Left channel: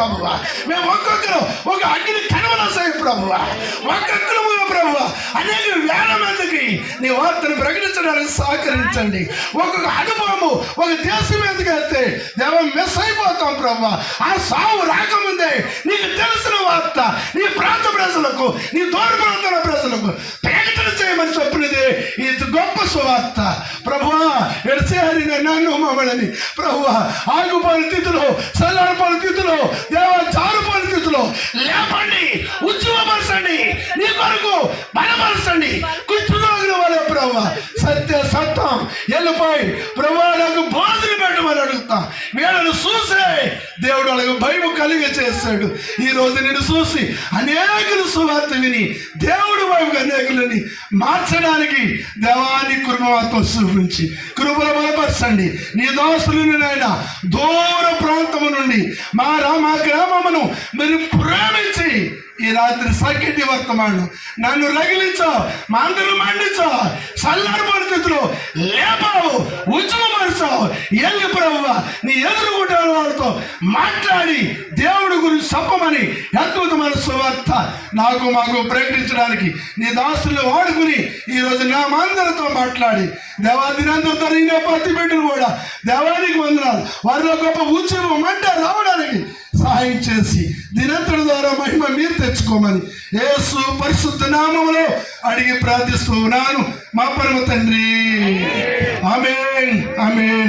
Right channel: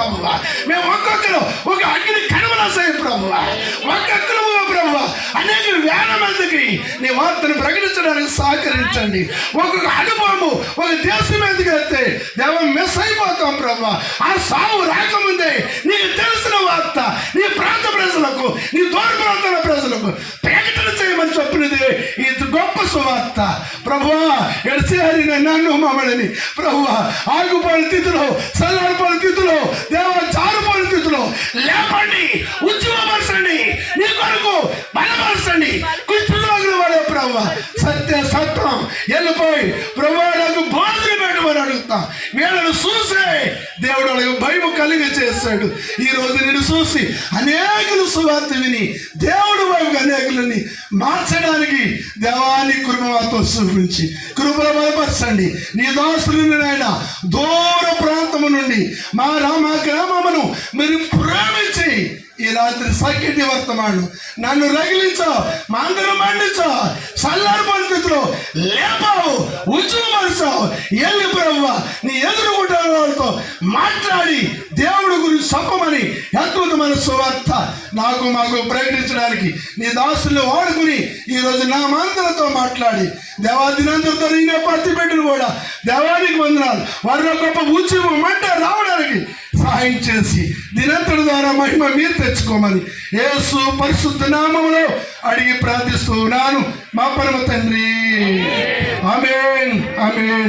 ప్రభువా. మేము ఒక్కొక్కరు ఒక అగ్ని కనుమలసాయి ప్రభువా. ఒక్కొక్కరు ప్రభువా అనేక వేల మందికి నీ వార్తను ప్రకటించడానికి సహకరించండి. ఒక్కొక్క అనుభవము ఒక దేశం మీదకి వెళ్తే దేవం మిస్ అయిపోతాం ప్రభువా. ఆ సావు రాకముందే నీకు తెలిసిన వార్త నీ ప్రాంత ప్రజలకు, నీ దూర ప్రాంతాల ప్రజలకు ప్రకటన చేయమని చెప్పినది ఈ గొప్ప సువార్త ప్రభువా. ఎడసేరిన నన్ను మమ్మల్ని ప్రభువా ఆగుపోయిన స్థితిలో, చల్లారిపోయిన స్థితిలో, దేవ జారిపోయిన స్థితిలో లేపండి, ఉద్యమపరచండి, నీ కొరకు బలపరచండి. కృష్ణుల వాళ్ళ ప్రభువా సత్య సత్యం వెళ్ళిపోయి ప్రభువా నాకు బాధలు పెట్టమని అడుగుతాం. వీళ్ళను చూసే దేవుడు వాళ్ళకి భయం కలిగి చేస్తాడు. ఈ రోజు నేను చూసి అనేకులు సువార్త విని దేవుడు వైపు అనేకులని మార్చడానికి దేవాన్ని కృపతో చూపించి కృపలో బలపరచండి. నీ దాసులను నాయన దూర ప్రాంతము నుండి మా గ్రామమును మీరు ప్రేమించి ఈ రాత్రి సఖ్యటి వర్తమానం నన్ను రగిలించావు, మా అందరూ మండించావు, చల్లారి పరిస్థితిలో లేపావు, ఉద్యమపరిచావు. వెళ్ళి ప్రభువా నీ ఎదురుగుంటారు వాళ్ళతో మాట్లాడి దేవుడి గురించి చెప్పమని అద్భుతమైన సువార్త మాకు ప్రకటించడానికి నీ దాసులు వాడుకుని ఈరోజు నా మందరితో మాట్లాడి దేవాదినందరితో నేనే ప్రతి పెట్టిన కూడా దేవానికి వందనాలు. వారిలో గొప్ప ఉద్యమం అంటే రావడానికి సహాయం చేసి దినంతటి ద్వారా మహిమ మీరు తెచ్చుకోమని యేసు పరిశుద్ధ నామములో అడిగి ప్రార్థిస్తూ ఉన్నాను మా పరమ తండ్రి. ఆమేన్ ఆమేన్.